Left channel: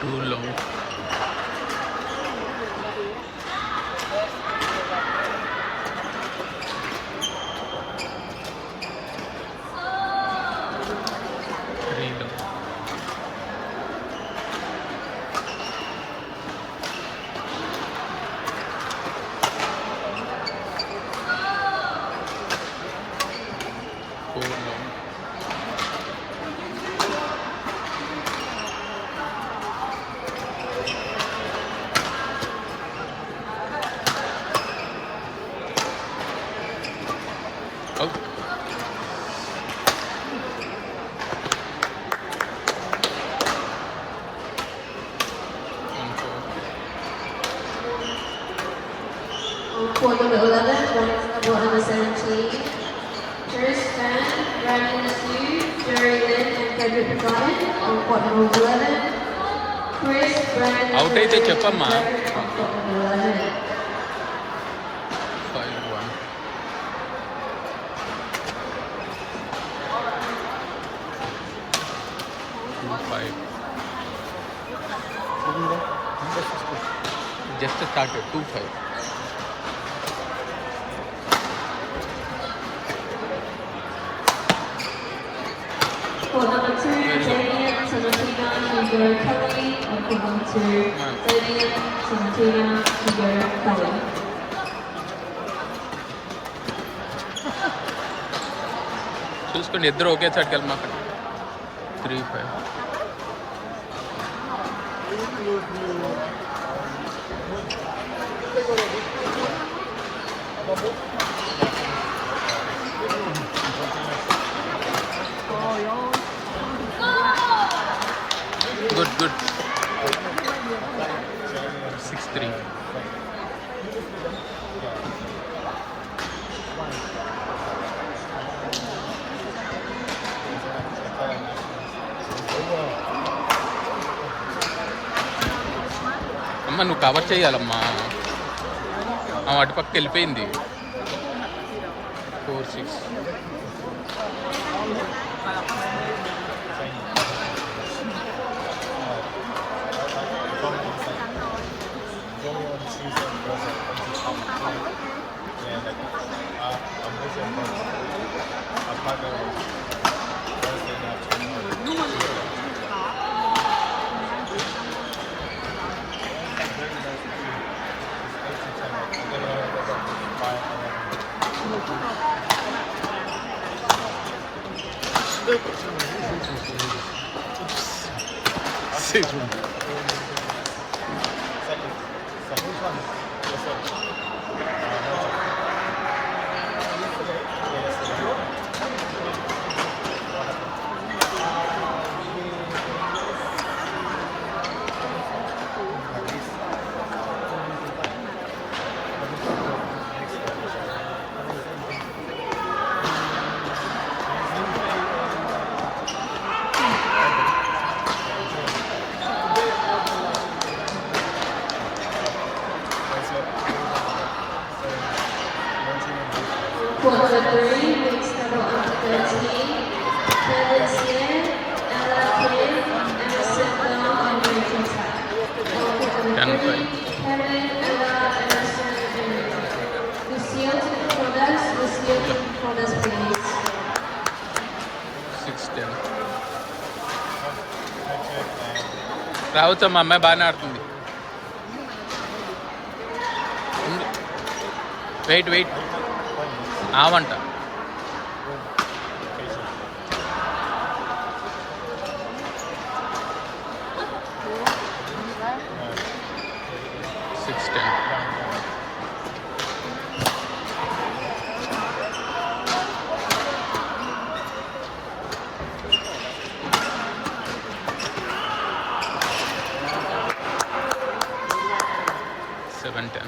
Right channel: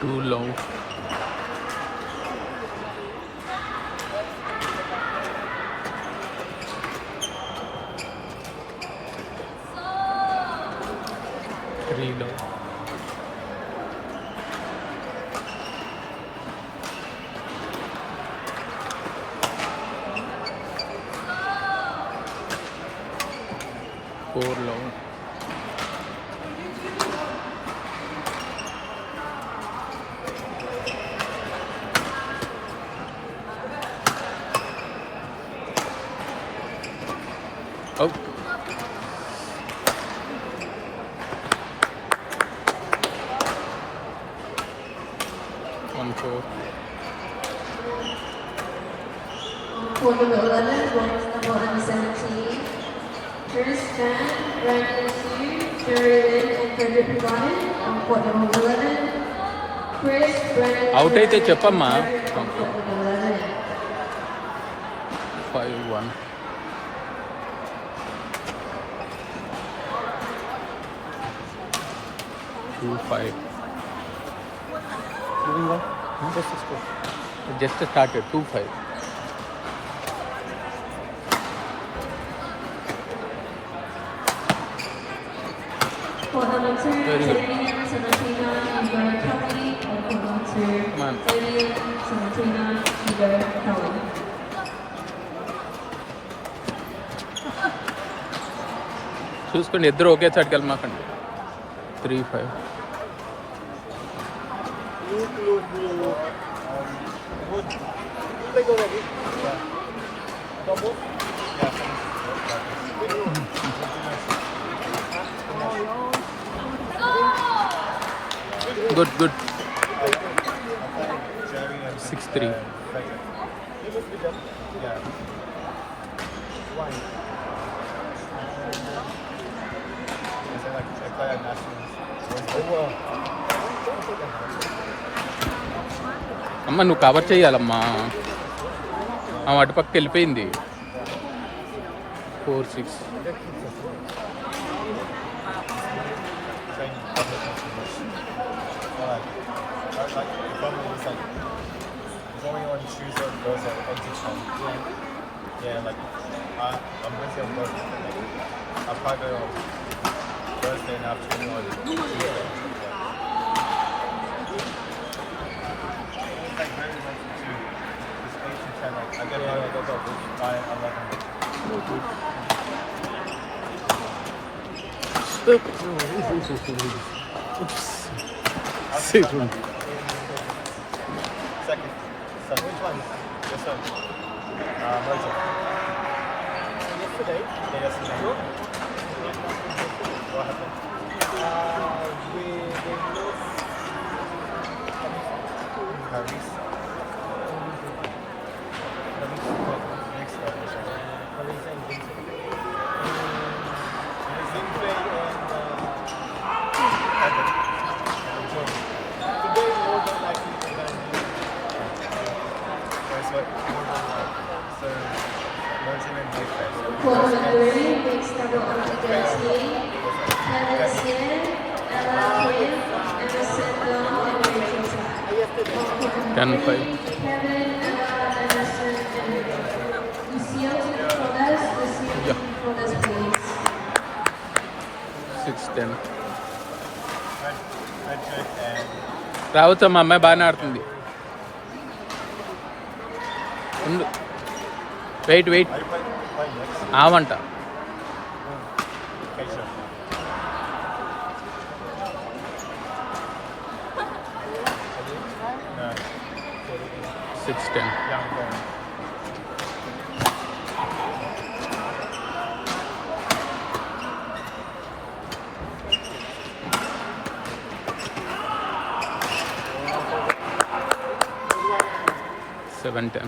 Too long. Three long. Four long. Oh. One four. For number 11, rank number 117, Chris Fan, rank number 2, Jerry Lynn and Frederick Ryan. On court number 11, Chris Brandon. Out అయితే చెప్పమ్మా. On court number 11. 5-1. Two five. Just started 2-5. For number 2, Damian Sabatina, Igor Kelly. On court number 2, Damian Sabatina, Igor Kelly. చూసుకోండి ఇద్దరు ఒకే చోటుకి వెళ్ళమాకండి. 3-5. Good. 6-3. అమ్మ నువ్వు cover చేయాలమ్మా. అటుపక్క వెళ్ళిపోయింది. 4-6. Segundo. For number 3, mixed double on 13, Kevin Seaman, Ella Kim, and sit down on the right side. For number 10-5. 3, Kevin, Ella, Anderson, Jr. Lucille Nicolas, please. 6-10. రావచ్చమ్మా, అమ్మాయి బాగానే ఆడుతుంది. Wait ఆవంట. Seven-10.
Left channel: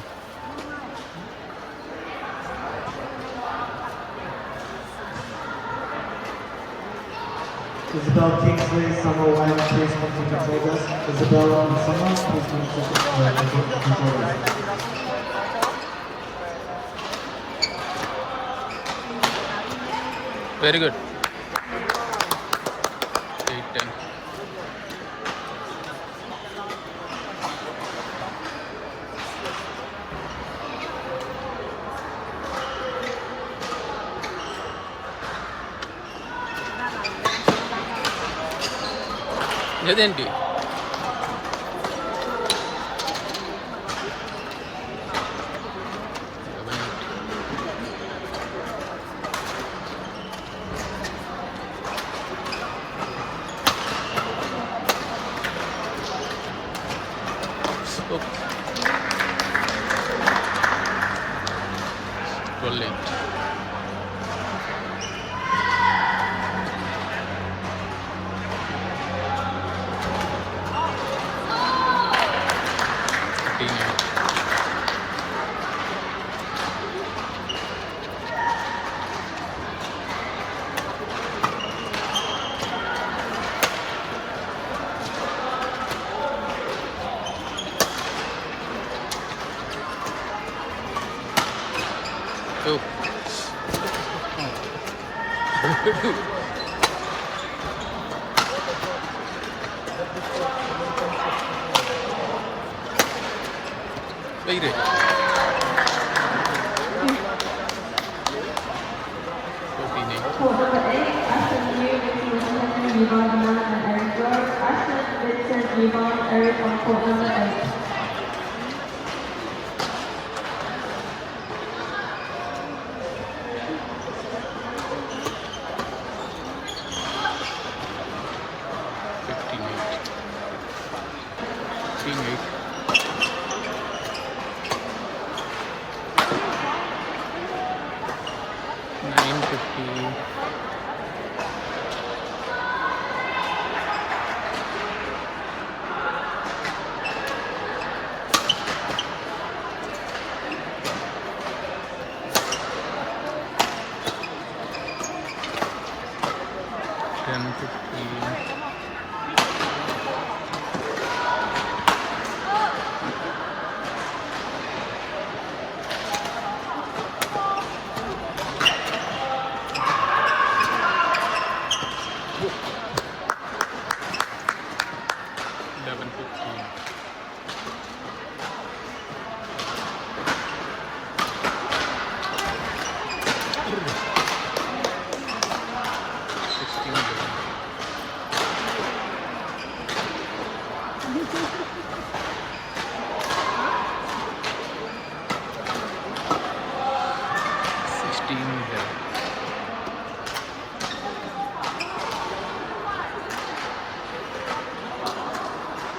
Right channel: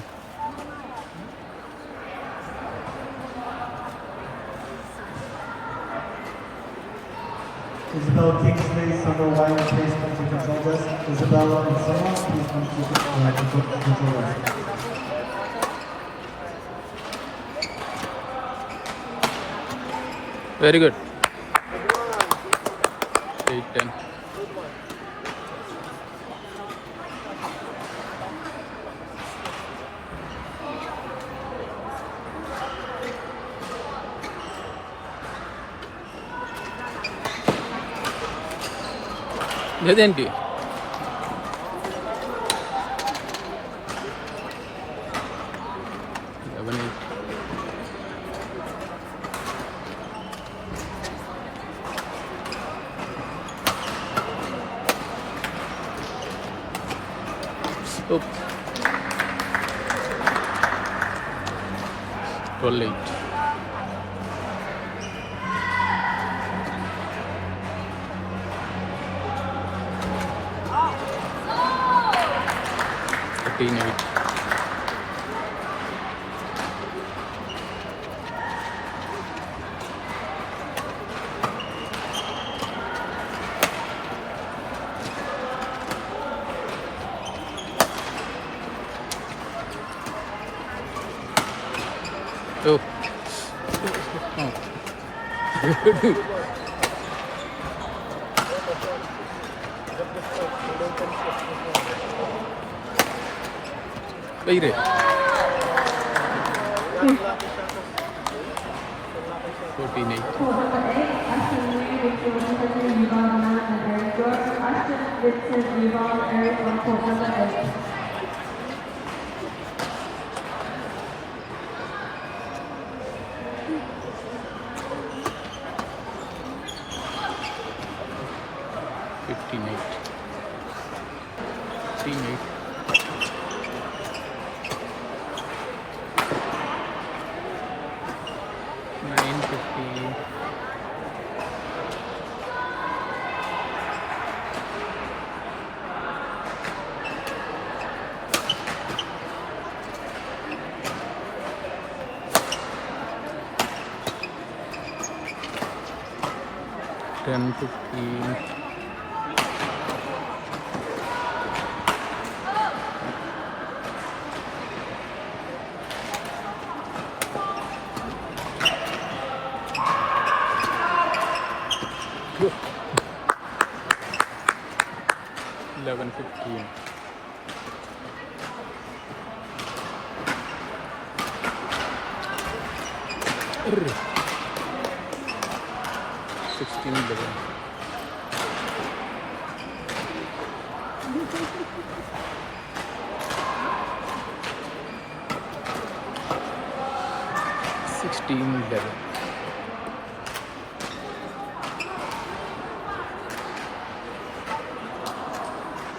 Isabel Kingsley, Summer White, please come to consult us. Isabel and Summer, please come to consult us. Very good. 8-10. లేదేంటి rolling. Oh. Wait it. 14. For number 8, Ashton Reed, Victor Singleton, Yvonne Miller, and Eric George. Ashton, Vincent, Yvonne, Eric on court number 8. Ten 15. Eleven 15.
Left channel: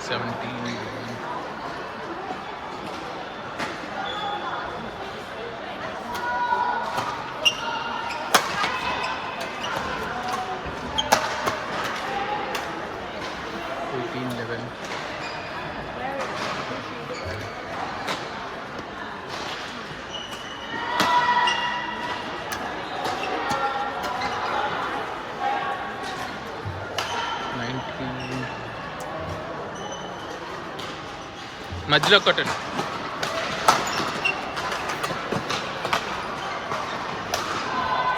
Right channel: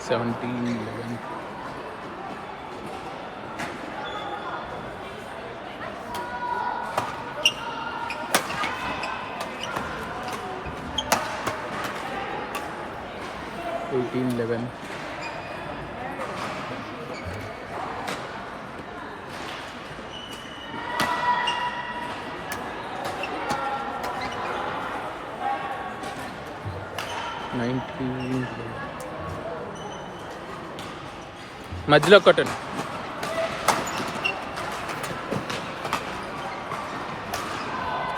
Seventeen. 11. 19. మధ్యలో కొట్టండి.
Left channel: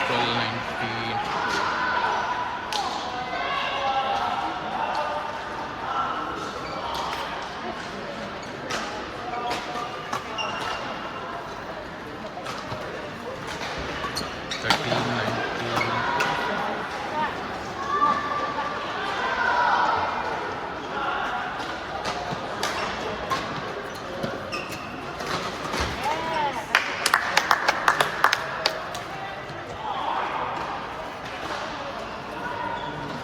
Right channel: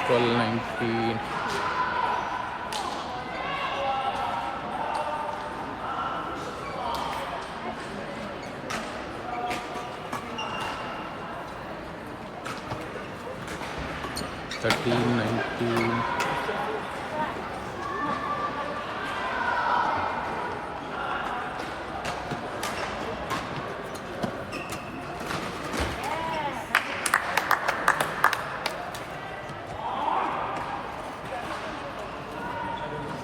12 19. 13 19.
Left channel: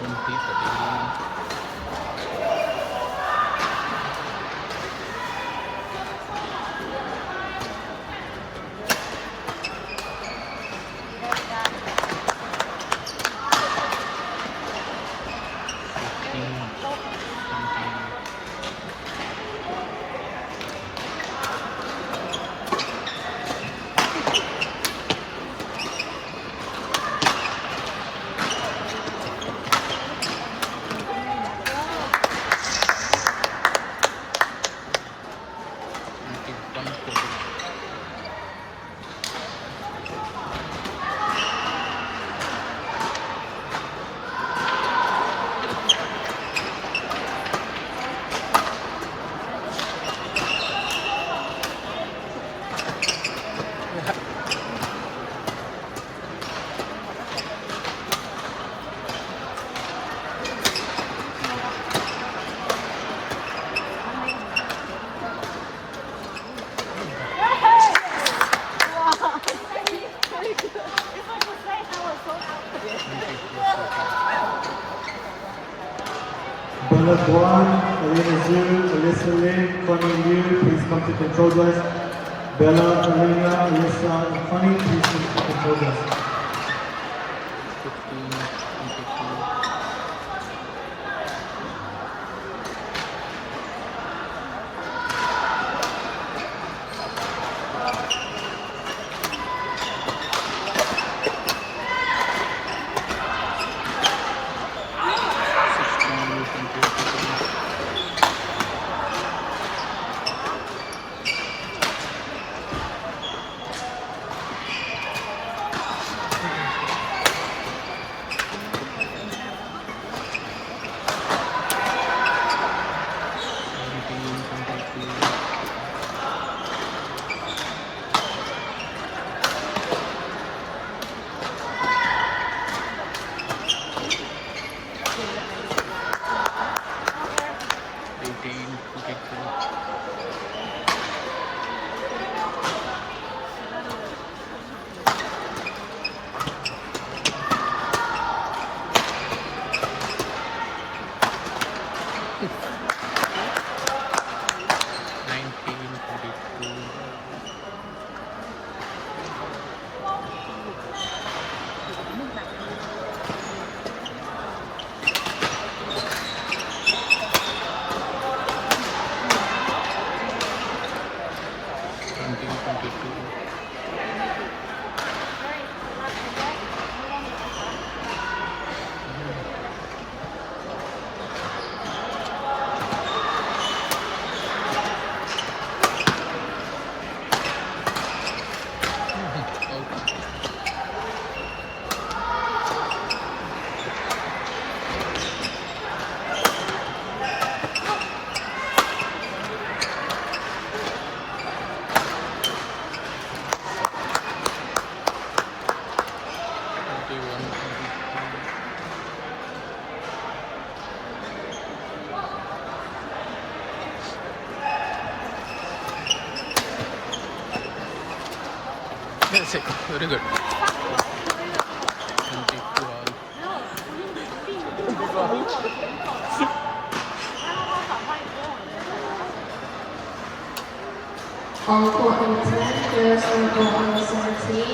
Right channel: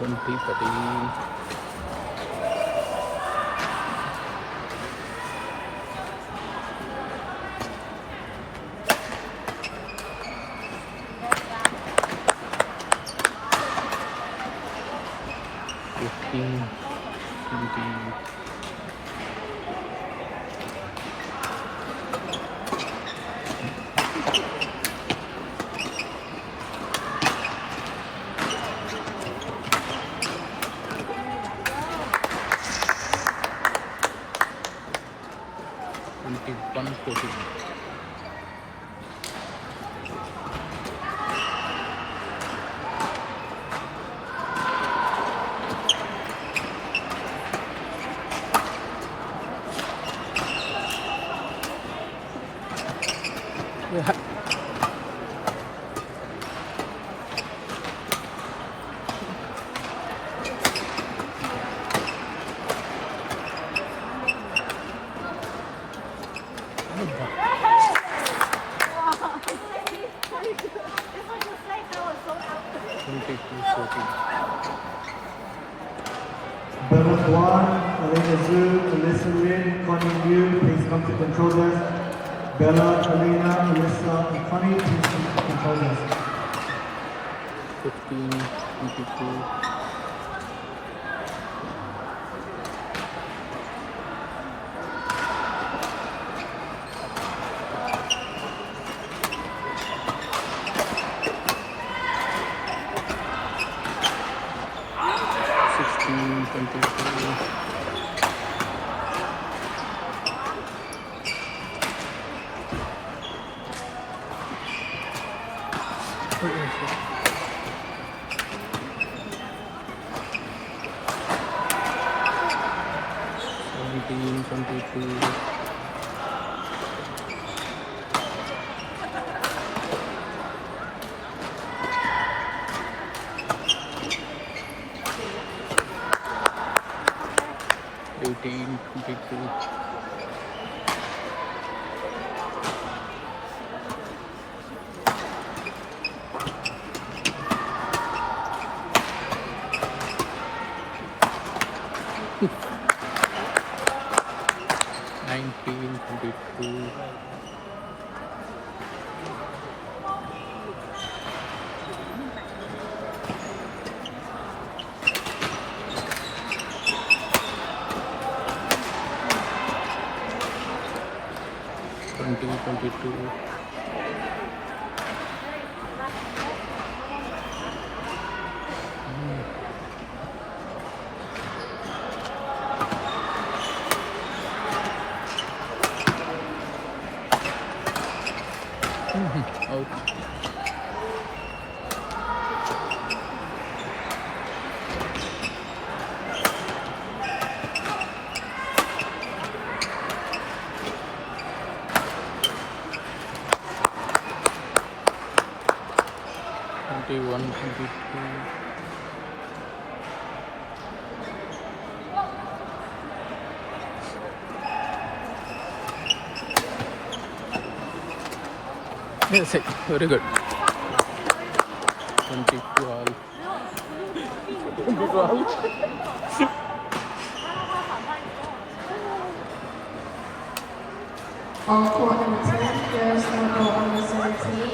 20 13. 14 Bella, Elena Zhu, Alyssa Lin, Connie Liu, please come to control desk. Bella, Elena, Alyssa, and Connie, please come to control desk. 15, 22. Yes, very good. 22 all. All court number 10, players on court number 17.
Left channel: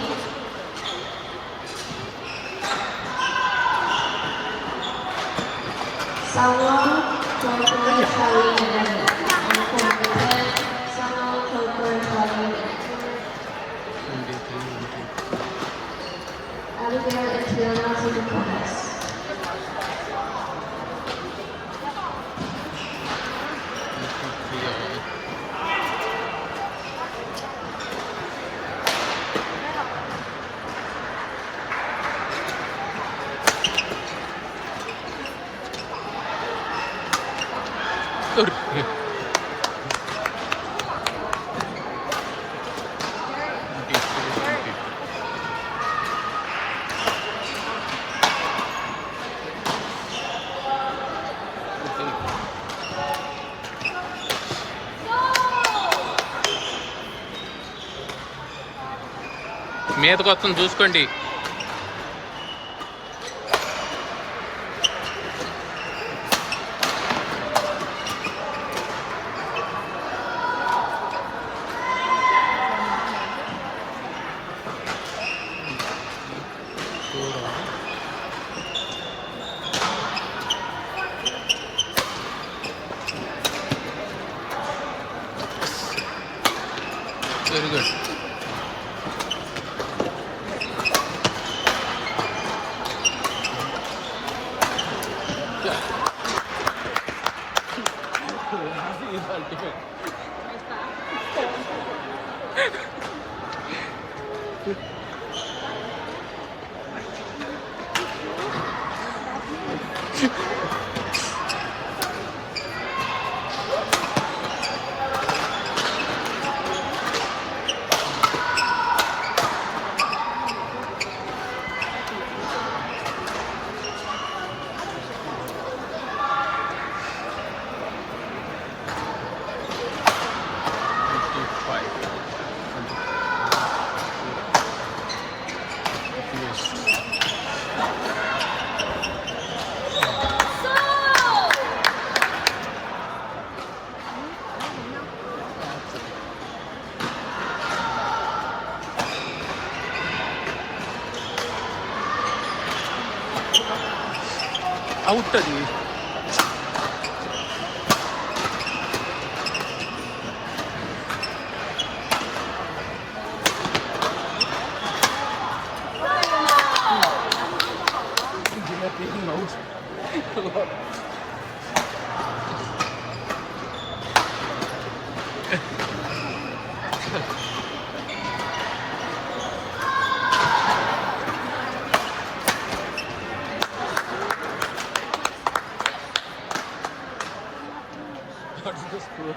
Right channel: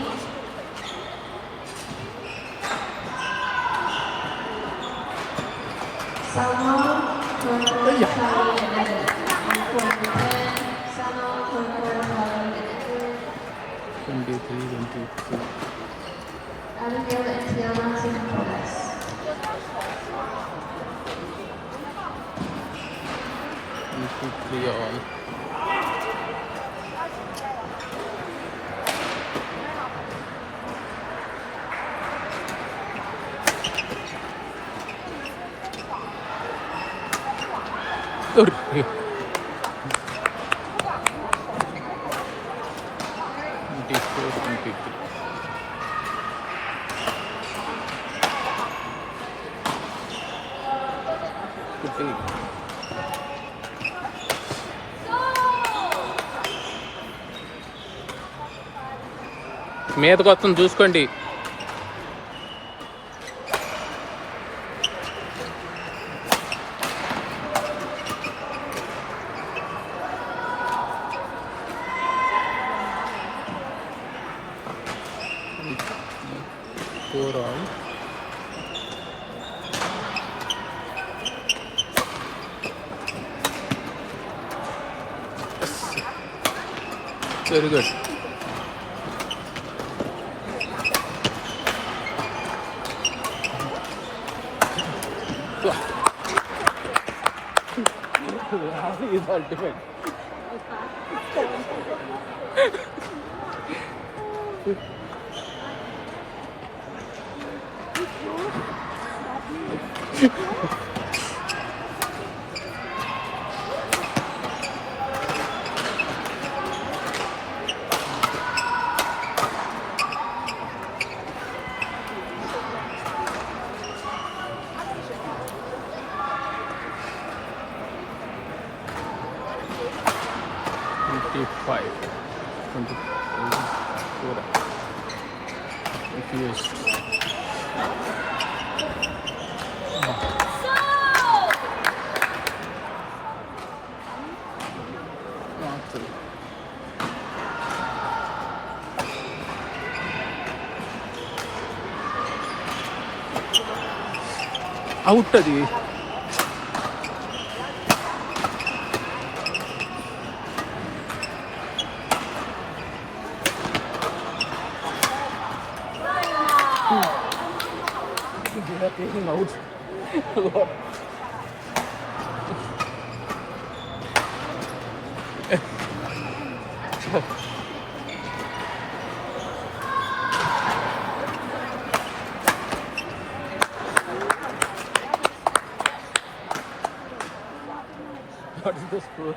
Samuel, Coco, Charlie, and Anna. On court number 10, Samuel, Coco, Charlie, and Anna. 23, 22. Abigail and Tiana to the chorus. 23 all. Good. 24, 23. మీదకి వస్తుంది చూసుకోండి. Very good. Is ultimate. Out అది. What is the score?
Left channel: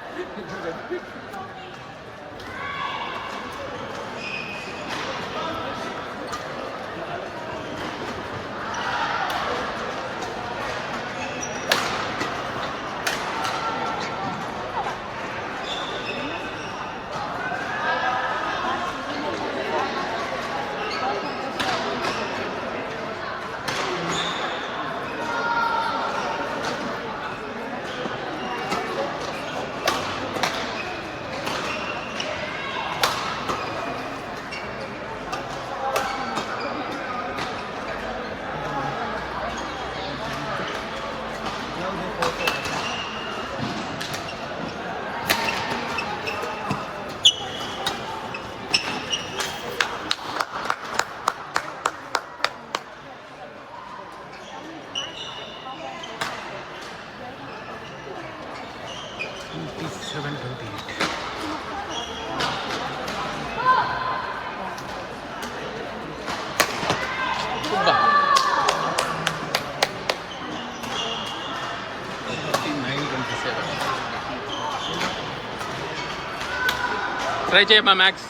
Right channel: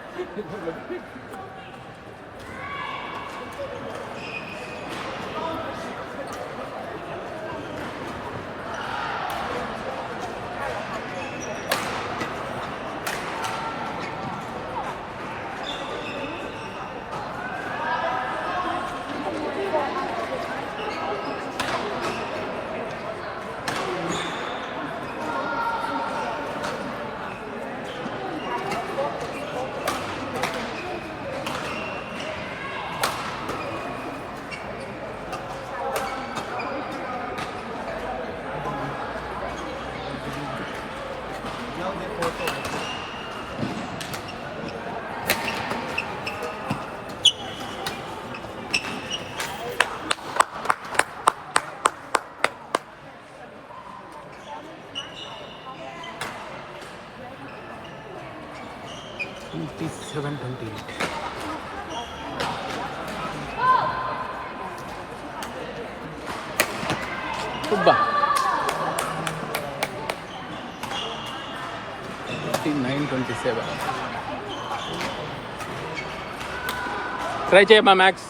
Seven 28. Kubba. 9:27. Try చేయమ్మా max.